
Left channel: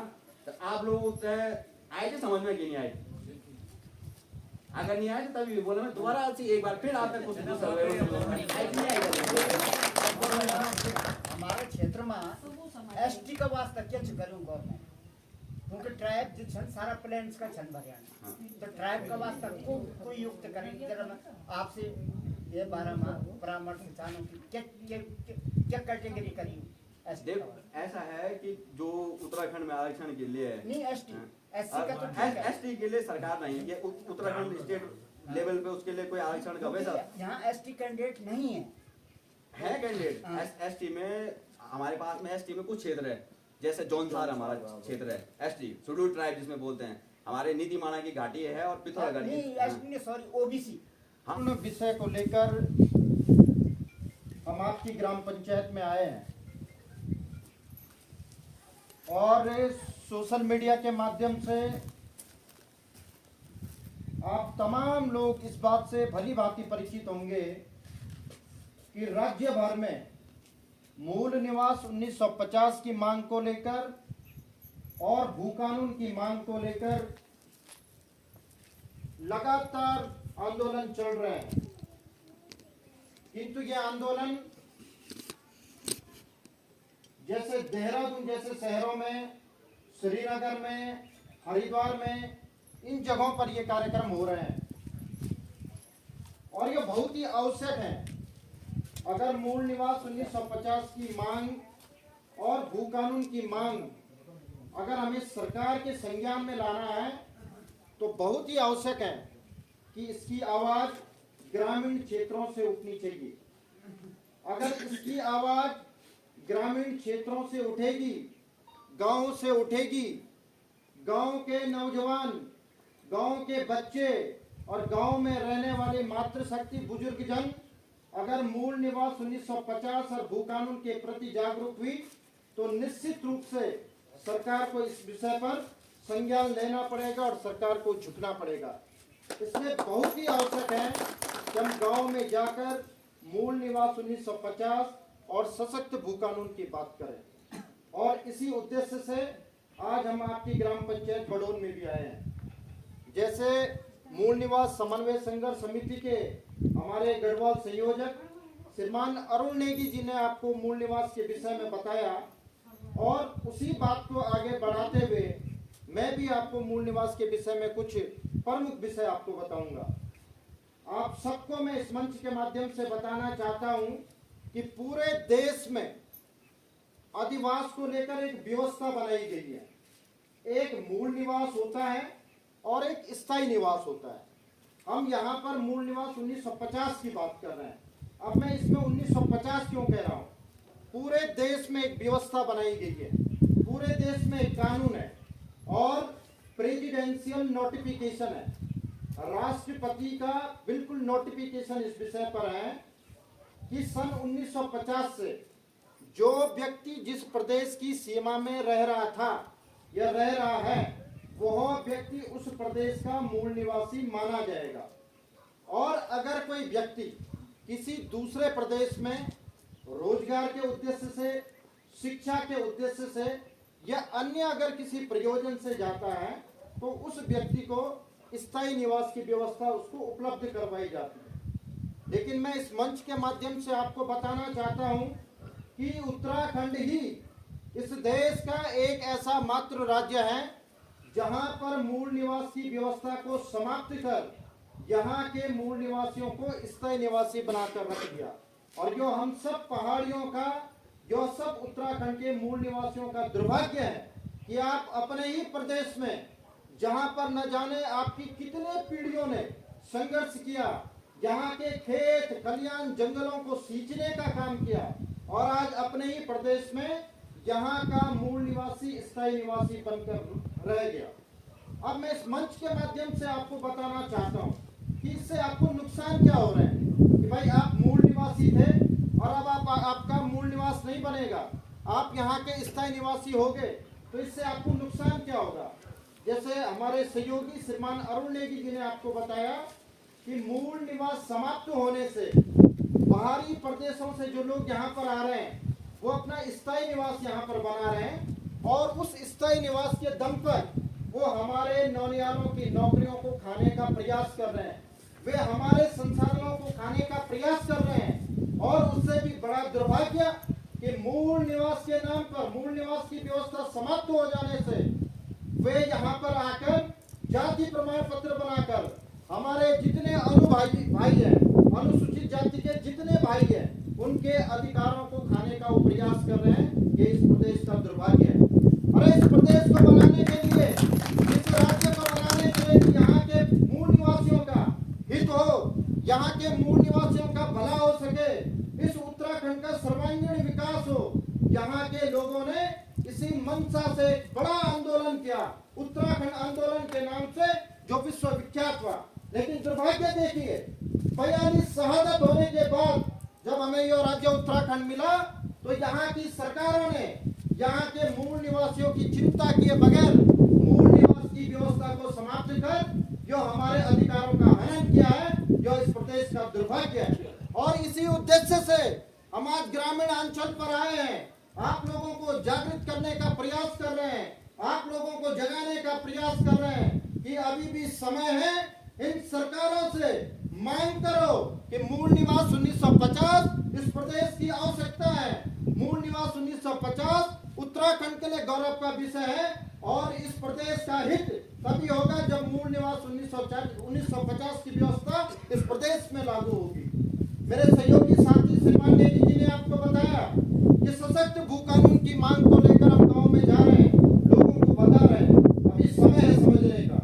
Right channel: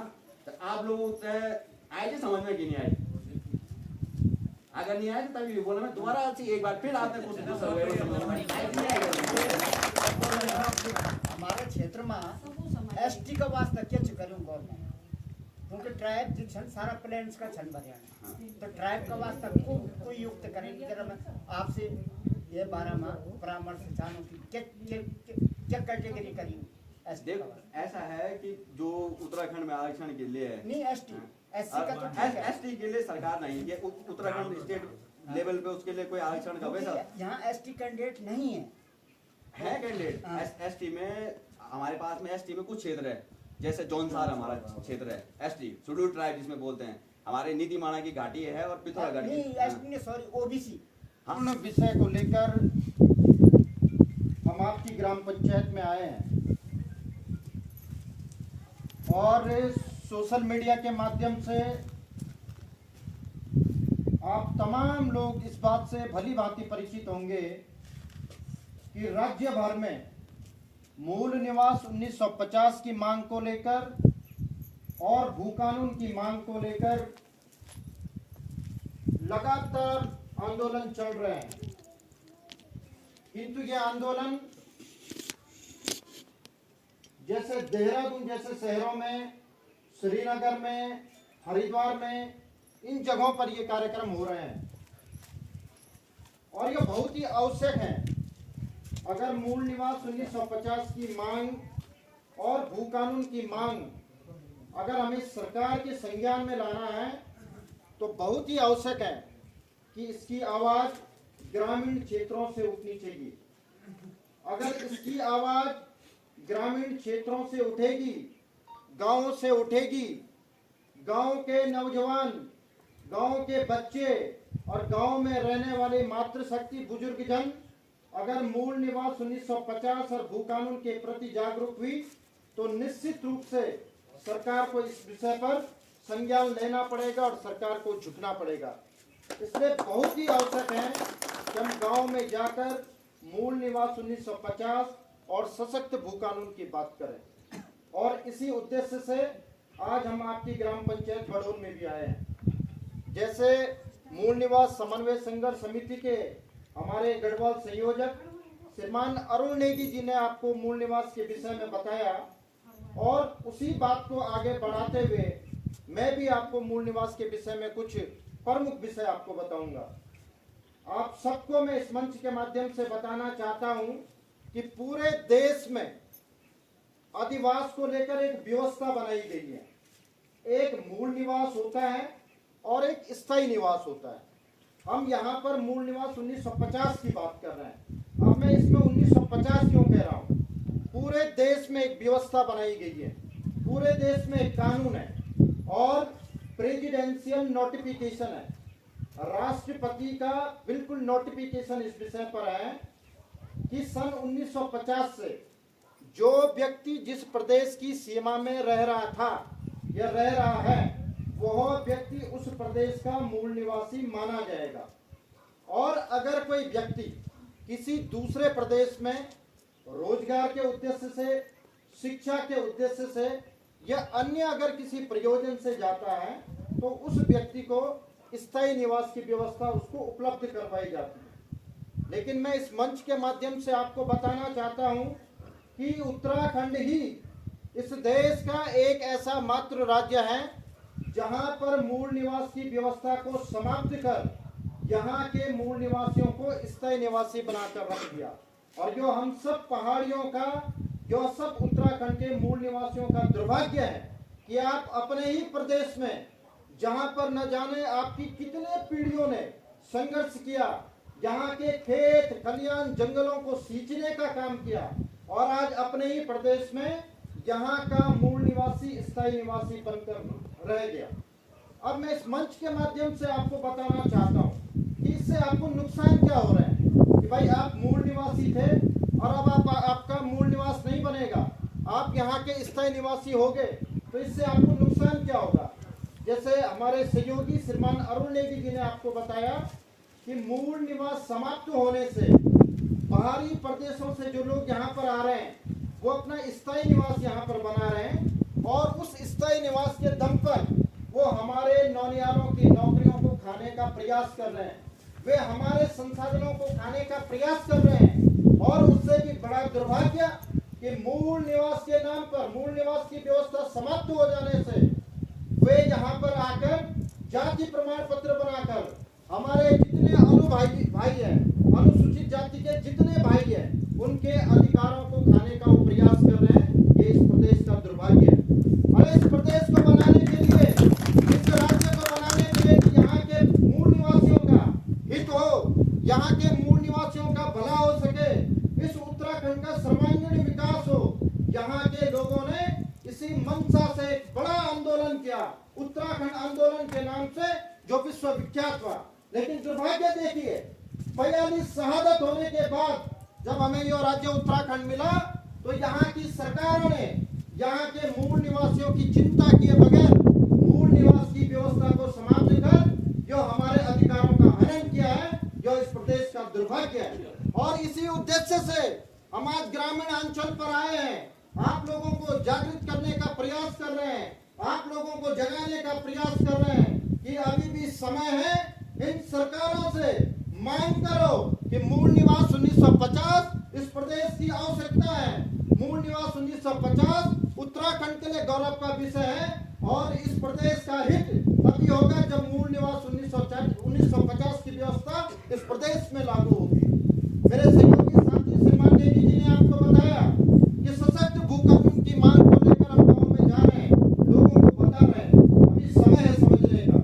तो आप लोग आए थे समझ में कि नहीं आए अगर नहीं आए तो तभी बोला मैं दोबारा एक बार फिर आपने कुछ हमारे क्षेत्र में एसटी का वास्ता क्या करूँ गवर्नमेंट क्योंकि ट्राइब जो छन सारा प्लेन्स का छन हरियाणा तो ट्राइब का वास्ता कोई युक्त करें आपसे ये बारे में परामर्श चाहूँ कि क्या कैटेगरी करी ऐसा है कि जो उत्तराखंड में आरक्षण के लिए है नहीं एसटी एससी का तो ठीक है एसटी के लिए सरकार नहीं ये उत्तराखंड स्टेट लेवल पे उसके लिए कोई आरक्षण का वैसा यहाँ एसटी कैंडिडेट नहीं है कैंडिडेट एसटी में हमारे पास में एसटी में कुछ क्षेत्र है जैसे जौनसार हमारा क्षेत्र है एसटी शेड्यूल ट्राइब जिसमें बोलते हैं हमारे नीति माना की घाटी है और पिथौरागढ़ नहीं सॉरी ओबीसी हम विषय को लेकर हम आपकी ग्राम पंचायत में आए हैं और सोशल मीडिया के माध्यम से आप तमाम लोग इस बात से भली भांति परिचित होंगे कि राज्य भर में मूल निवास 1950 की मांग को लेकर और भू कानून की मांग को लेकर लगातार आंदोलन चल रहे हैं, किंतु यह आंदोलन जैसे देहरादून जैसे शहरों में, श्रीनगर में, हरिद्वार में, इन जगहों पर ये कार्यक्रम हो रहे हैं और ये बहुत ही आवश्यक है। अगर मूल निवास 1950 की मांग और भू कानून की मांग अगर हमें सरकार के संज्ञान में लाना है तो बहुत ही आवश्यक है कि इसकी आवाज ग्रामीण क्षेत्रों से उठनी चाहिए। अगर इसकी आवाज ग्रामीण क्षेत्रों से उठेगी, गांव से उठेगी, गांव के नौजवान, गांव के बच्चे और गांव में रहने वाले मातृशक्ति बुजुर्ग जन अगर मूल निवास 1950 और भू कानून के प्रति जागरूक हुई तो निश्चित रूप से सरकार को इस विषय पर संज्ञान लेना पड़ेगा और सरकार को झुकना पड़ेगा। इसलिए बहुत ही आवश्यक है कि हम गांव में जाकर मूल निवास 1950 और सशक्त भू कानून की बात करें। और इसी उद्देश्य से आज हम आपकी ग्राम पंचायत बड़ौन में भी आए हैं। जैसे मूल निवास समन्वय संघर्ष समिति के हमारे गढ़वाल संयोजक श्रीमान अरुण नेगी जी ने आपको मूल निवास के विषय में बताया और उसी बात को आगे बढ़ाते हुए मैं भी आपको मूल निवास के विषय में कुछ प्रमुख विषय आपको बताऊंगा। आप सबको मैं इस मंच के माध्यम से बताना चाहता हूं कि पूरे देश में अधिवास को लेकर एक व्यवस्था बनाई गई है। एक मूल निवास होता है और एक स्थायी निवास होता है। हम यहाँ पर मूल निवास 1950 की बात कर रहे हैं। अब मैं इसमें 1950 क्यों कह रहा हूँ? पूरे देश में एक व्यवस्था बनाई गई है, पूरे देश में एक कानून है और प्रेसिडेंशियल नोटिफिकेशन है। राष्ट्रपति का बिल्कुल नोटिफिकेशन इस विषय पर है कि सन 1950 से जो व्यक्ति जिस प्रदेश की सीमा में रह रहा था या रह रहा है वह व्यक्ति उस प्रदेश का मूल निवासी माना जाएगा। और अगर कोई व्यक्ति किसी दूसरे प्रदेश में रोजगार के उद्देश्य से, शिक्षा के उद्देश्य से या अन्य अगर किसी प्रयोजन से जाता है तो उस व्यक्ति को स्थायी निवास की व्यवस्था उसको उपलब्ध करवाई जाती है। लेकिन मैं इस मंच के माध्यम से आपको बताना चाहता हूं कि उत्तराखंड ही इस देश का एक ऐसा मात्र राज्य है जहां पर मूल निवास की व्यवस्था को समाप्त कर यहाँ के मूल निवासियों को स्थायी निवासी बनाकर रख दिया। और जो हम सब पहाड़ियों का, जो सब उत्तराखंड के मूल निवासियों का दुर्भाग्य है कि आप अपने ही प्रदेश में जहां पर न जाने आपकी कितने पीढ़ियों ने संघर्ष किया, यहाँ के खेत खलियान जंगलों को सींचने का काम किया और आज अपने ही प्रदेश में यहाँ का मूल निवासी स्थायी निवासी बनकर रह गया। अब मैं इस मंच के माध्यम से आपको बताना चाहता हूँ कि इससे आपको नुकसान क्या हो रहा है कि भाई आप मूल निवासी थे और अब आपका मूल निवास नहीं बनेगा, आप यहाँ के स्थायी निवासी हो गए, तो इससे आपको नुकसान क्या होगा। जैसे हमारे सहयोगी श्रीमान अरुण नेगी जी ने आपको बताया कि मूल निवास समाप्त होने से बाहरी प्रदेशों से जो लोग यहाँ पर आ रहे हैं वो अपना स्थायी निवास यहाँ पर बना रहे हैं और उस स्थायी निवास के दम पर वो हमारे नौनियालों की नौकरियों को खाने का प्रयास कर रहे हैं, वे हमारे संसाधनों को खाने का प्रयास कर रहे हैं। और उससे भी बड़ा दुर्भाग्य कि मूल निवास के नाम पर, मूल निवास की व्यवस्था समाप्त हो जाने से वे यहाँ पर आकर जाति प्रमाण पत्र बनाकर हमारे जितने भाई हैं, अनुसूचित जाति के जितने भाई हैं, उनके अधिकारों को खाने का वो प्रयास कर रहे हैं। ये इस प्रदेश का दुर्भाग्य है। और इस प्रदेश को बनाने के लिए, इस राज्य को बनाने के लिए यहाँ के मूल निवासियों का हित हो, यहाँ के मूल निवासियों का भला हो सके, इस उत्तराखंड का सर्वांगीण विकास हो, यहाँ के लोगों ने इसी मंशा से एक बड़ा आंदोलन किया, उत्तराखंड आंदोलन के नाम से, जो विश्वविख्यात हुआ। लेकिन दुर्भाग्य देखिए, 42 शहादत होने के बाद जब हमें यह राज्य उत्तराखंड मिला तो यहाँ की सरकारों ने यहाँ के मूल निवासियों की चिंता किए बगैर मूल निवास की व्यवस्था को समाप्त कर जो हमारे अधिकारों का हनन किया है, जो इस प्रदेश का दुर्भाग्य है। और इसी उद्देश्य से हम आज ग्रामीण अंचल पर आए हैं, आप लोगों को जागृत करने का प्रयास कर रहे हैं, आप लोगों को जगाने का प्रयास कर रहे हैं कि अभी भी समय है। इन सरकारों से मांग करो कि मूल निवास 1950 इस प्रदेश की आवश्यकता है। मूल निवास 1950 उत्तराखंड के लिए गौरव का विषय है और इस प्रदेश का हित तभी होगा जब मूल निवास 1950 की व्यवस्था इस प्रदेश में लागू होगी। मेरे सहयोगी साथी श्रीमान नेगी जी ने आपको बताया कि सशक्त भू कानून की मांग को लेकर हम गांव में जा रहे हैं, लोगों को बता रहे हैं। अभी समय है समझने का।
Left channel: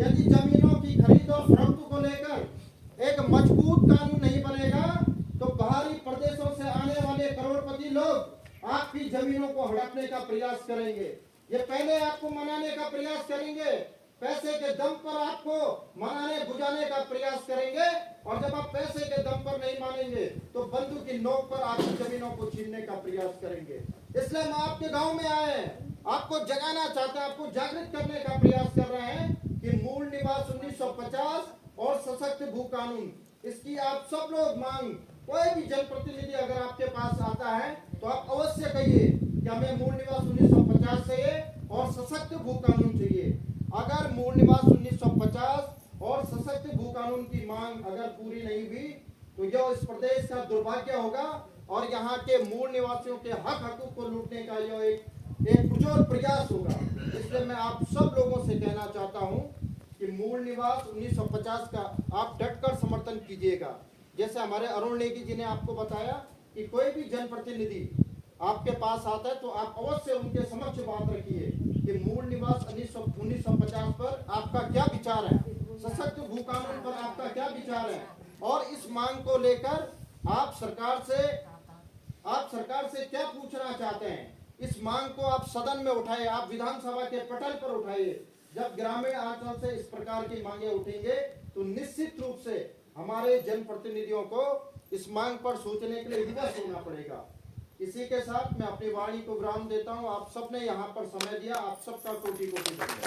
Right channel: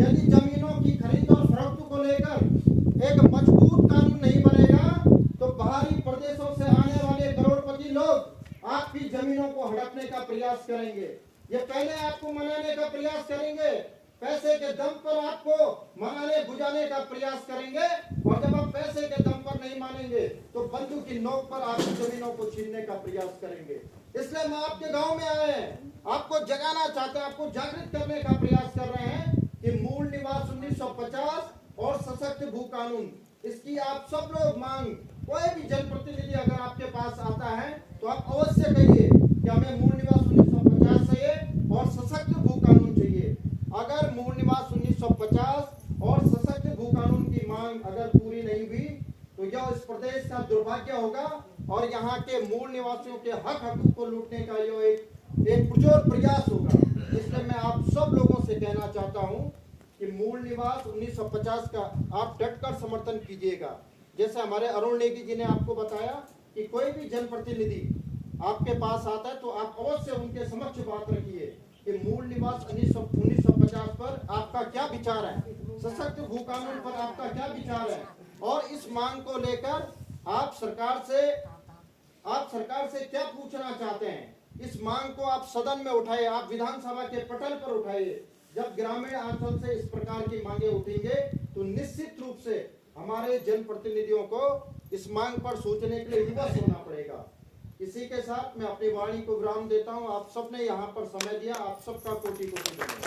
यदि जमीनों की खरीद और फरोख्त को लेकर एक मजबूत कानून नहीं बनेगा तो बाहरी प्रदेशों से आने वाले करोड़पति लोग आपकी जमीनों को हड़पने का प्रयास करेंगे। ये पहले आपको मनाने का प्रयास करेंगे, पैसे के दम पर आपको मनाने बुझाने का प्रयास करेंगे और जब आप पैसे के दम पर नहीं मानेंगे तो बंदूक की नोक पर आपकी जमीनों को छीनने का प्रयास करेंगे। इसलिए हम आपके गांव में आए हैं, आपको जगाना चाहते हैं, आपको जागृत करने का प्रयास कर रहे हैं कि मूल निवास 1950 और सशक्त भू कानून, इसकी आप सब लोग मांग, कोई भी जनप्रतिनिधि अगर आपके पास आता है तो आप अवश्य कहिए कि हमें मूल निवास 1950 चाहिए और सशक्त भू कानून चाहिए। अगर मूल निवास 1950 और सशक्त भू कानून की मांग अगर पूरी नहीं हुई तो यह इस प्रदेश का दुर्भाग्य होगा और यहाँ के मूल निवासियों के हक हकूक को लूटने का यह एक पुरजोर प्रयास होगा। इसलिए मैं आप सब लोगों से कहना चाहता हूँ कि मूल निवास 1950 का आप डटकर समर्थन कीजिएगा। जैसे हमारे अरुण नेगी जी ने आपको बताया कि कोई भी जनप्रतिनिधि आपके पास आता है तो आप अवश्य उनके समक्ष बात रखिए कि मूल निवास 1950 पर आपका क्या विचार है, सशक्त भू कानून पर आपका क्या विचार है और इस मांग को लेकर आप सरकार से क्या पूछना चाहते हैं। इस मांग को आप सदन में उठाइए, आप विधानसभा के पटल पर उठाइए। जब ग्रामीण अंचल से इस प्रकार की मांगे उठेंगे तो निश्चित रूप से हमारे जनप्रतिनिधियों को इस मांग पर सोचने के लिए विवश होना पड़ेगा। इसी के साथ मैं अपनी वाणी को विराम देता हूं। आप सबने यहाँ पर समय दिया, आप सबका कोटि कोटि धन्यवाद।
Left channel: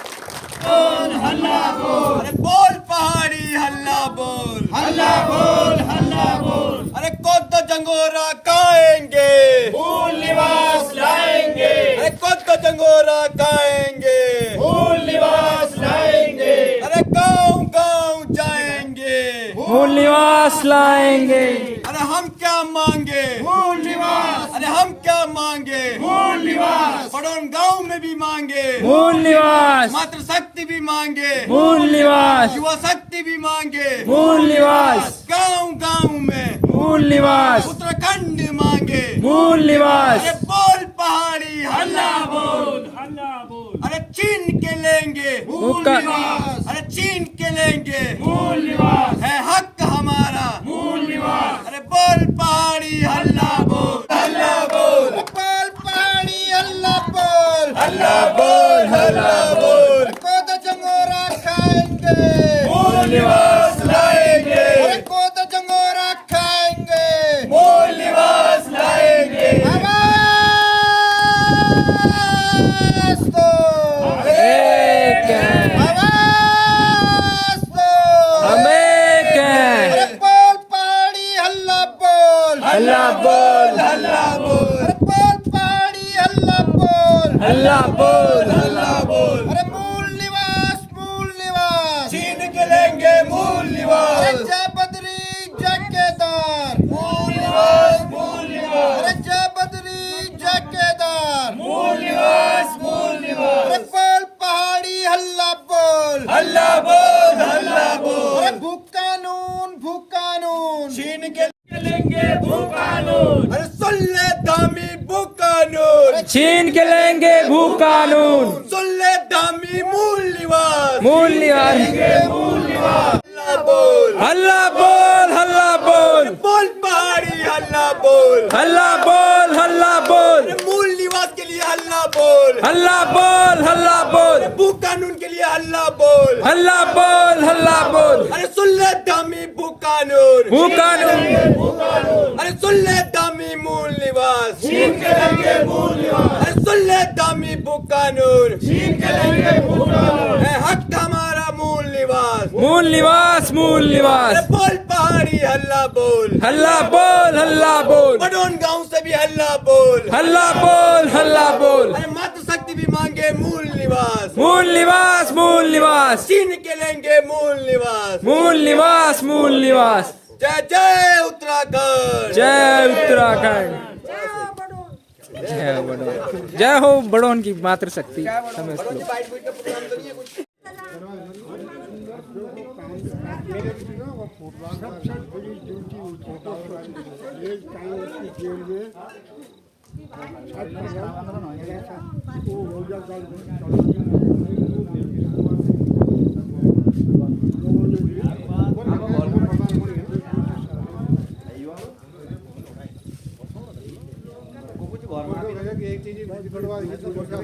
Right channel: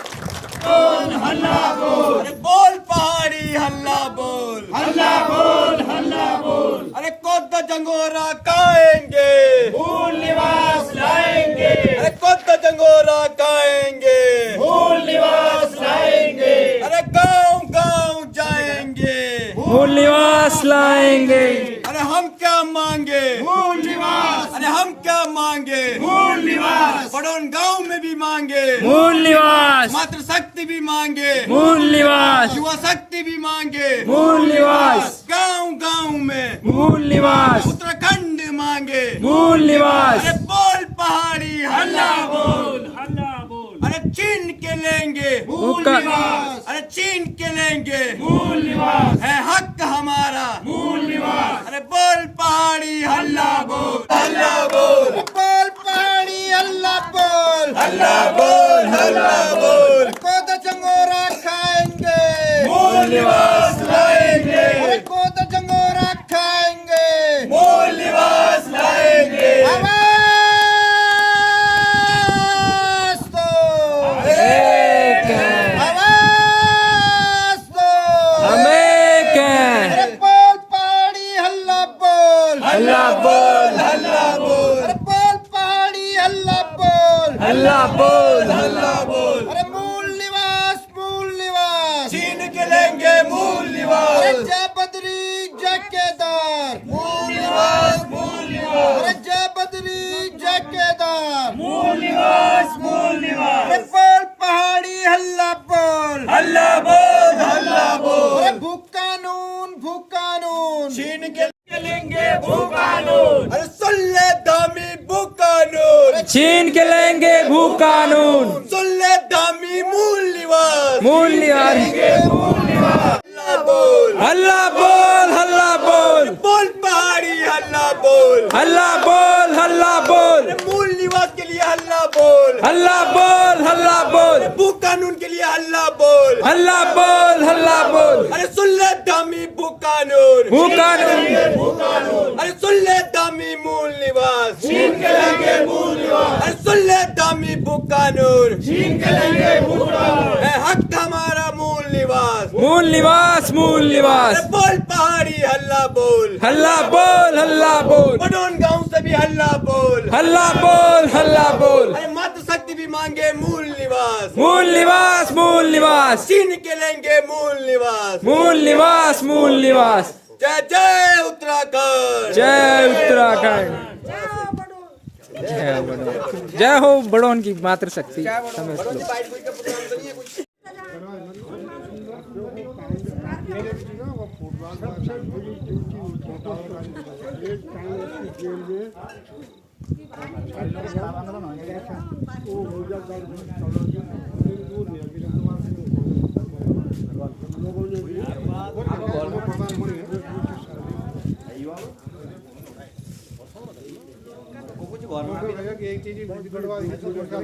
अरे बोल पहाड़ी हल्ला बोल, हल्ला बोल, हल्ला बोल। अरे कौन तो जंगोरा खाएंगे, मूल निवास लाएंगे, अरे कौन तो जंगोरा खाएंगे, मूल निवास लाएंगे, अरे गाँव गाँव जाएंगे, मूल निवास लाएंगे। अरे हम क्या मांगे, मूल निवास, अरे हम क्या मांगे, मूल निवास, पड़ोन गांव में भी मांगे, मूल निवास, मातृ शक्ति भी मांगे, मूल निवास, युवा शक्ति भी मांगे, मूल निवास, गांव गांव में मूल निवास, उत्तराखंड मांगे, मूल निवास। अरे बोल पहाड़ी हल्ला बोल, हल्ला बोल। अरे छीन के लेंगे, मूल निवास, अरे छीन के लेंगे, मूल निवास, है हक हमारा, मूल निवास। अरे बोल पहाड़ी हल्ला बोल, हल्ला बोल, बोल पहाड़ी हल्ला बोल, हल्ला बोल, हल्ला बोल। कोद जंगोरा खाएंगे, मूल निवास लाएंगे, अरे कोद जंगोरा खाएंगे, मूल निवास लाएंगे। आवाज दो, एक है, आवाज दो, हम एक हैं। अरे बोल पहाड़ी हल्ला बोल, हल्ला बोल, हल्ला बोल, अरे बोल पहाड़ी हल्ला बोल, हल्ला बोल, हल्ला बोल। अरे मूल निवास, मूल निवास, छीन के लेंगे मूल अरे निवास, जय बद्री जय केदार, मूल निवास, मूल निवास, अरे जय बद्री जय केदार, मूल निवास, मूल निवास। अरे बोल पहाड़ी हल्ला बोल, हल्ला बोल, हल्ला बोल। अरे भू कानून, भू कानून, छीन के लेंगे भू कानून, अरे सुन ले दामी भू कानून, छीन के लेंगे भू कानून, सुन ले दामी मूल निवास, मूल निवास। मूल निवास। हल्ला बोल, हल्ला बोल, हल्ला बोल, बोल पहाड़ी हल्ला बोल, हल्ला बोल, हल्ला बोल, मूल निवास के लिए हल्ला बोल, हल्ला बोल, हल्ला बोल, भू कानून के लिए हल्ला बोल, हल्ला बोल, हल्ला बोल, अरे सुन ले दामी भू कानून, भू कानून, भू कानून, अरे सुन ले दामी मूल निवास, छीन के लेंगे मूल निवास, अरे सुन ले दामी भू कानून, छीन के लेंगे भू कानून। है हक हमारा मूल निवास, मूल निवास, मूल निवास। अरे बोल पहाड़ी हल्ला बोल, हल्ला बोल, हल्ला बोल, बडोन गांव से भी हल्ला बोल, हल्ला बोल, हल्ला बोल। अरे मातृशक्ति भी मांगे मूल निवास, मूल निवास, मूल निवास, छीन के लेंगे मूल निवास। मूल निवास, मूल निवास। जय जय उत्तराखंड, जय उत्तराखंड, जय हो बड़ोन, जय हो बड़ोन की मातृशक्ति। समझ लो। बाइट कोई का प्रोग्राम तो नहीं है कुछ? एक चीज बच्चा